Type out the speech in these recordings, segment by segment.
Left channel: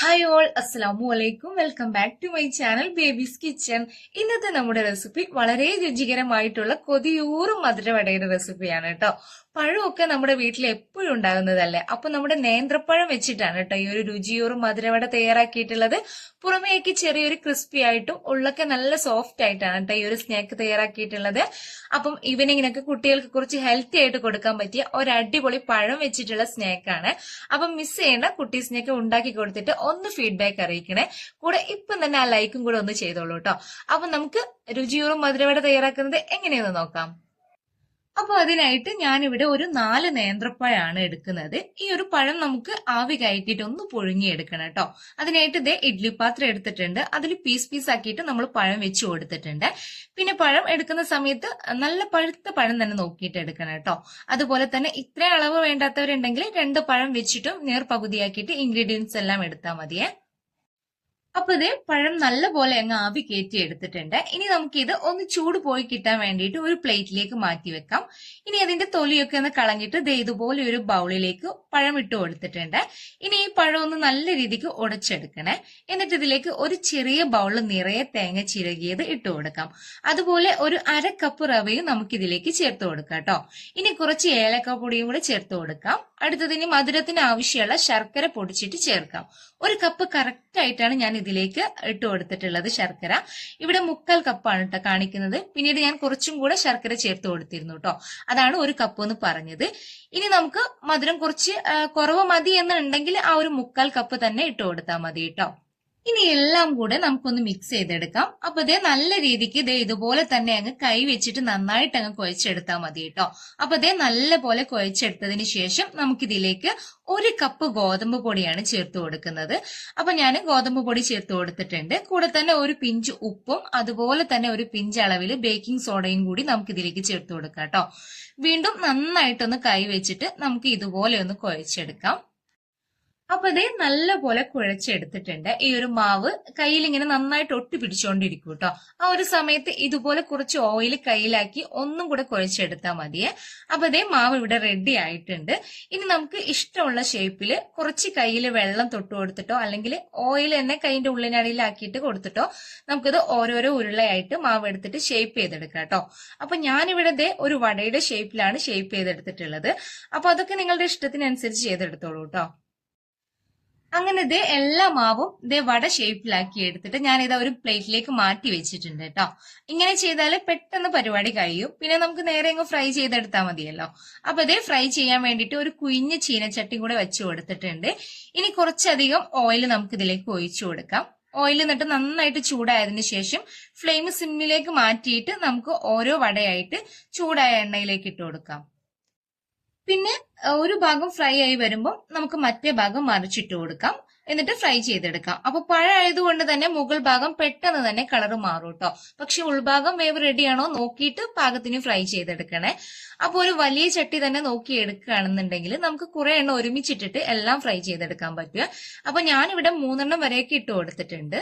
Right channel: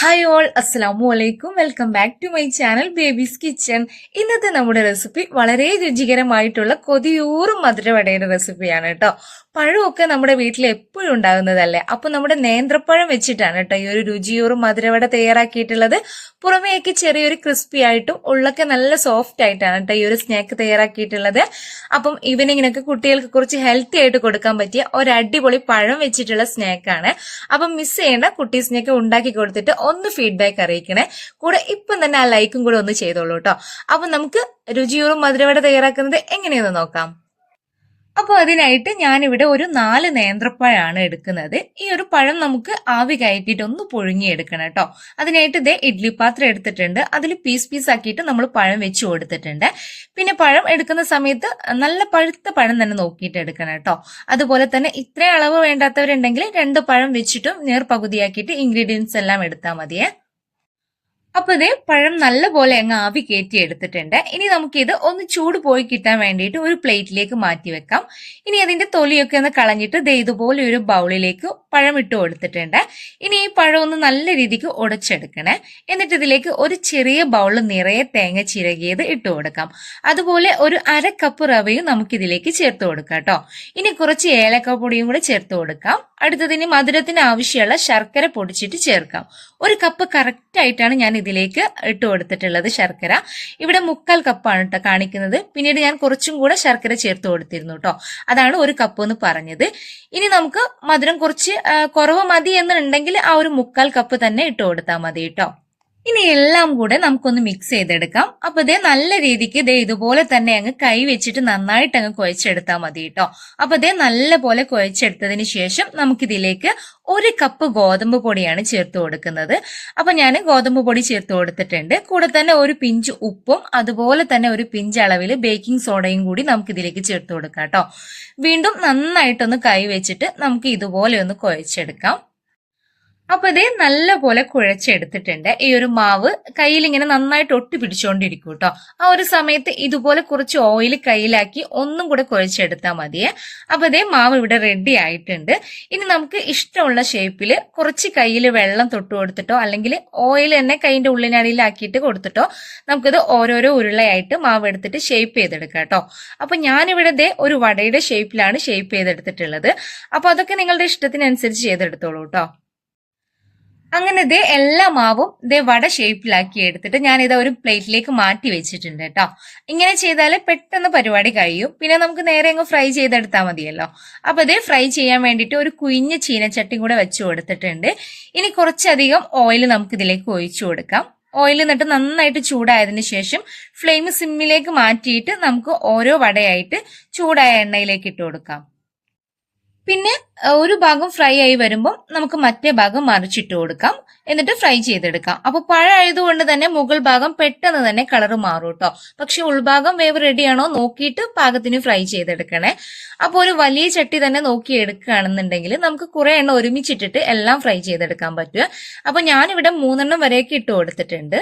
Hi all അസ്സലാമു അലൈക്കും welcome back to my channel babies kitchen ഇന്നത്തെ നമ്മുടെ റെസിപ്പി വളരെ രുചികരമായിട്ടുള്ള കൊതിയൂറും മധുരവടയുടെ റെസിപ്പിയാണ് കേട്ടോ. പഴമൊക്കെ നമ്മുടെ വീട്ടിൽ എപ്പോഴും ഉണ്ടാകുന്നതല്ലേ? അപ്പൊ നമ്മുടെ നേന്ത്രപ്പഴം വെച്ചിട്ടാണ് കേട്ടോ ഈ ഒരു രുചിയൂറും മധുരവട തയ്യാറാക്കിയിട്ടുള്ളത്. പുറമേക്ക് ചെറിയൊരു ക്രിസ്പി ആയിട്ടും ഉള്ളൊക്കെ നല്ല സോഫ്റ്റ് ആയിട്ടാണ് കേട്ടോ ഈ ഒരു സ്നാക്ക് തയ്യാറാക്കിയിട്ടുള്ളത്. അപ്പം ഈവനിങ്ങിനൊക്കെ കുട്ടികൾക്ക് കുറച്ച് ഹെൽത്തി ആയിട്ട് കൊടുക്കാൻ പറ്റിയ ഒരു അടിപൊളി പഴം വെച്ചിട്ടുള്ള സ്നാക്കാണ് അപ്പം മിസ് ചെയ്യേണ്ട കുട്ടീസിനെയൊക്കെ ഉണ്ടാക്കി കൊടുത്തിട്ട് ഒന്ന് ഫീഡ്ബാക്ക് അറിയിക്കണേ. കൂടെ ഇപ്പം തന്നെ ആ ലൈക്കും കൂടെ ഒന്ന് ചെയ്തോളൂ കേട്ടോ. അപ്പം നമുക്ക് രുചിയൂറും മധുരവട തയ്യാറാക്കുന്നത് എങ്ങനെയെന്ന് നോക്കാം. അപ്പോൾ അതിനായിട്ട് ഞാനിവിടെ ഒരു നാല് നേന്ത്രപ്പഴമാണ് എടുക്കുന്നത്. ഈ ഒരു പഴം നമുക്ക് ആവി കയറ്റിയിട്ട് ഒന്ന് പുഴുങ്ങിയെടുക്കണം കേട്ടോ. അതിനായിട്ട് ഇതേ ഇഡ്ലി പാത്രം എടുത്തിട്ടുണ്ട്. അതിൽ പീസ് പീസ് ആക്കിയിട്ട് നമ്മൾ പഴം വെച്ച് കൊടുത്തിട്ടുണ്ട്. പിന്നെ പഴം എടുക്കുന്ന സമയത്ത് നല്ല പഴുത്ത പഴം തന്നെ നോക്കിയിട്ട് എടുക്കണം കേട്ടോ. അതുപോലെ തന്നെ ഇത്രയും അളവ് വേണ്ടാത്തവരുണ്ടെങ്കിൽ രണ്ട് പഴം വെച്ചിട്ടും നേർ പകുതിയാക്കിയിട്ട് ഇൻഗ്രീഡിയൻസ് എല്ലാം എടുത്താൽ മതിയേ. അപ്പൊ ഇത് പഴം നല്ലപോലെ അങ്ങ് ആവി കയറ്റി എടുത്തിട്ടുണ്ട്. ഇനി നമുക്കിത് ഒന്ന് ചൂട് പോയി കിട്ടാൻ വേണ്ടിയിട്ട് ഒരു പ്ലേറ്റിലേക്ക് മാറ്റി വെക്കാം. ഇനി അതിന്റെ തൊലിയൊക്കെ ഒന്ന് കളഞ്ഞിട്ട് ദേ ഇതുപോലെ ഒരു ബൗളിലേക്ക് പഴം ഇട്ട് കൊടുത്തിട്ടുണ്ട്. ഇനി ഈ പഴം ഒന്ന് നല്ല രീതിക്ക് ഉടച്ചെടുക്കണേ. എന്നിട്ട് ഇതിലേക്ക് ഒരു ചെറിയ ബൗളിൽ നിറയെ തേങ്ങ ചിരകിയത് ഇട്ട് കൊടുക്കാം. അതുപോലെ ഒരു അര കപ്പ് റവയും നമുക്കിതിലേക്ക് ചേർത്ത് കൊടുക്കാം കേട്ടോ. ഇനി കുറച്ച് ഏലക്ക പൊടിയും കൂടെ ചേർത്ത് കൊടുക്കാം. അടുത്തതിന് മധുരത്തിന് ആവശ്യമുള്ള ശർക്കര പൊടിച്ചിട്ട് ചേർക്കാം. ഒരു കപ്പ് കറക്റ്റ് ആയിട്ടാണ് ഞാൻ ഇതിലേക്ക് ഇട്ട് കൊടുത്തിട്ടുള്ളത് ശർക്കര. ഇവിടെ മുക്കാൽ കപ്പാണ് കേട്ടോ കാണിക്കുന്നത്. പിന്നീട് ഞാൻ കുറച്ചും കൂടെ ശർക്കര ചേർത്ത് കൊടുത്തിരുന്നു കേട്ടോ അതാണ് ഒരു കപ്പ് എന്ന് പറഞ്ഞത്. ഇനി നമുക്ക് മധുരം കുറച്ച് കുറവ് മതി എന്നുണ്ടെങ്കിൽ ആ ഒരു മുക്കാൽ കപ്പ് തന്നെ ഇട്ട് കൊടുത്താൽ മതി കേട്ടോ ഇനി എല്ലാം കൂടെ നമുക്കൊന്ന് മിക്സ് ചെയ്തെടുക്കാം. അപ്പൊ ഇതേ നല്ല രീതിക്ക് ഇതേ ഇതുപോലെ തന്നെ അങ്ങ് കൈ വെച്ചിട്ട് നന്നായിട്ട് അങ്ങ് കുഴച്ചെടുത്താൽ മതി കേട്ടോ അപ്പൊ ഇതേ നല്ല പോലെ കുഴച്ചെടുത്തതിന് ശേഷം നമുക്കിതിലേക്ക് ഒരു കപ്പ് ഗോതമ്പ് പൊടിയാണ് ചേർത്ത് കൊടുക്കുന്നത്. അപ്പൊ ഞാൻ ഗോതമ്പ് പൊടി ചേർത്ത് കൊടുത്തിട്ടുണ്ട്. കൂടെ തന്നെ ഒരു പിഞ്ച് ഉപ്പും അതുപോലെ തന്നെ ഒരു പിഞ്ച് അളവിൽ ബേക്കിംഗ് സോഡയും കൂടി നമുക്ക് ഇതിലേക്ക് ചേർത്ത് കൊടുക്കാം കേട്ടോ വീണ്ടും നന്നായിട്ടൊന്ന് കൈ വെച്ചിട്ട് നമുക്ക് ഇതുപോലെ ഒന്ന് കുഴച്ചെടുക്കാം. അപ്പൊ ഇതേ നല്ല പോലെ കുഴച്ചെടുത്തിട്ടുണ്ട്. ഈ ഒരു മാവ് കയ്യിൽ ഇങ്ങനെ നന്നായിട്ട് ഒട്ടി പിടിച്ചുകൊണ്ടിരിക്കും കേട്ടോ ആ ഒരു സമയത്ത് ഇതുപോലെ കുറച്ച് ഓയിൽ കയ്യിലാക്കി ഒന്നും കൂടെ കുഴച്ചെടുത്താൽ മതിയേ. അപ്പൊ ഇതേ മാവ് ഇവിടെ റെഡി ആയിട്ടുണ്ട്. ഇനി നമുക്ക് ഇഷ്ടമുള്ള ഷേപ്പിൽ കുറച്ച് കയ്യിൽ വെള്ളം തൊട്ട് കൊടുത്തിട്ടോ അല്ലെങ്കിൽ ഓയിൽ തന്നെ കൈന്റെ ഉള്ളിനടിയിലാക്കിയിട്ട് കൊടുത്തിട്ടോ നമുക്കിത് ഓരോരോ ഉരുളയായിട്ട് മാവ് എടുത്തിട്ട് ഷേപ്പ് ചെയ്തെടുക്കാം കേട്ടോ അപ്പൊ ഞാനിവിടെ ദേ ഒരു വടയുടെ ഷേപ്പിലാണ് ഷേപ്പ് ചെയ്തെടുത്തിട്ടുള്ളത്. അപ്പൊ അതൊക്കെ നിങ്ങളുടെ ഇഷ്ടത്തിനനുസരിച്ച് ചെയ്തെടുത്തോളൂ കേട്ടോ അങ്ങനെ ഇതേ എല്ലാ മാവും ഇതേ വട ഷേപ്പിലാക്കി എടുത്തിട്ട് ഞാൻ ഇത് ഒരു പ്ലേറ്റിലേക്ക് മാറ്റി വെച്ചിട്ടുണ്ട് കേട്ടോ ഇങ്ങനെ ചെയ്താൽ പെട്ടെന്ന് പരിപാടി കഴിയും. പിന്നെ നമുക്ക് നേരെ അങ്ങ് ഫ്രൈ ചെയ്തെടുത്താൽ മതിയല്ലോ. അപ്പൊ ഇതേ ഫ്രൈ ചെയ്യാൻ വേണ്ടിയിട്ട് ഒരു കുഞ്ഞ് ചീനച്ചട്ടി കൂടെ വെച്ചു കൊടുത്തിട്ടുണ്ട്. ഇനി കുറച്ചധികം ഓയിൽ നമുക്ക് ഇതിലേക്ക് ഒഴിച്ചു കൊടുക്കാം. ഓയിൽ എന്നിട്ട് നന്നായിട്ട് ചൂടായതിനു ശേഷം ഫ്ലെയിം സിമ്മിലേക്ക് മാറ്റിയിട്ട് നമുക്ക് ഓരോ വടയായിട്ട് ചൂടായ എണ്ണയിലേക്ക് ഇട്ട് കൊടുക്കാം. പിന്നെ ഒരു ഭാഗം ഫ്രൈ ആയി വരുമ്പോൾ നമുക്ക് മറ്റേ ഭാഗം മറിച്ചിട്ട് കൊടുക്കാം. എന്നിട്ട് ഫ്രൈ ചെയ്തെടുക്കാം. അപ്പൊ പഴമായതുകൊണ്ട് തന്നെ മുകൾ ഭാഗം പെട്ടെന്ന് തന്നെ കളർ മാറും കേട്ടോ പക്ഷെ ഉൾഭാഗം വേവ് റെഡിയാണോ നോക്കിയിട്ട് പാകത്തിന് ഫ്രൈ ചെയ്തെടുക്കണേ. അപ്പോൾ ഒരു വലിയ ചട്ടി തന്നെ നോക്കി എടുക്കുകയാണെന്നുണ്ടെങ്കിൽ നമുക്ക് കുറെ എണ്ണ ഒരുമിച്ചിട്ടിട്ട് എല്ലാം ഫ്രൈ ചെയ്തെടുക്കാൻ പറ്റുക അപ്പൊ ഞാനിവിടെ മൂന്നെണ്ണം വരെയൊക്കെ ഇട്ട് കൊടുത്തിട്ടുണ്ട്.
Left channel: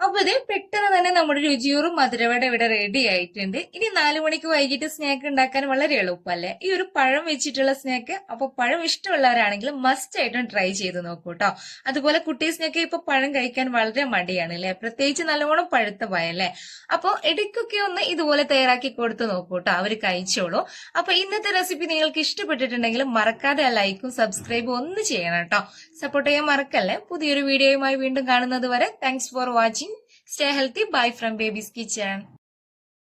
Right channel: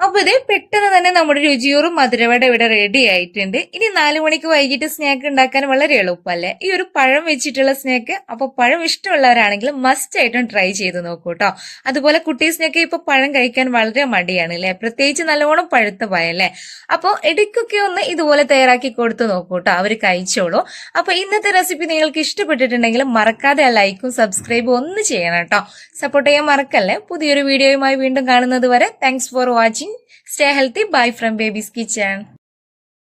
അപ്പൊ ഇത് പെട്ടെന്ന് തന്നെ നമ്മുടെ രുചിയോറും മധുരവട ഇവിടെ റെഡി ആയിട്ടുണ്ട്. ഇനി നാലു മണിക്ക് വൈകിട്ട് സ്നാക്ക് ഉണ്ടാക്കാൻ വളരെ എളുപ്പമല്ലേ? ഈ ഒരു പഴം വെച്ചിട്ടുള്ള സ്നാക്ക് അപ്പൊ പഴം ഇഷ്ടമുള്ളവരാണെങ്കിൽ മസ്റ്റ് ആയിട്ടും ട്രൈ ചെയ്ത് നോക്കൂ കേട്ടോ അതുപോലെ കുട്ടീസിനൊക്കെ ഇപ്പൊ പഴം കഴിക്കാൻ വളരെ മടിയാണ് അല്ലെ പ്രത്യേകിച്ച് നല്ലവണ്ണം പഴുത്ത പഴല്ലേ? അപ്പോൾ ഇടയ്ക്കൊക്കെ ഒന്ന് ഇതുപോലെ തയ്യാറാക്കി കൊടുത്തു നോക്കൂ കേട്ടോ അവർ കഴിച്ചോളൂ. അപ്പൊ ഇന്നത്തെ റെസിപ്പി നിങ്ങൾക്ക് ഇഷ്ടപ്പെട്ടിട്ടുണ്ടെങ്കിൽ മറക്കാതെ ലൈക്കും സബ്സ്ക്രൈബും ഒന്ന് ചെയ്യണം കേട്ടോ സപ്പോർട്ട് ചെയ്യാൻ മറക്കല്ലേ? പുതിയൊരു വീഡിയോയുമായി വീണ്ടും കാണുന്നത് വരെ thanks for watching Stay healthy. Bye from Baby's Kitchen.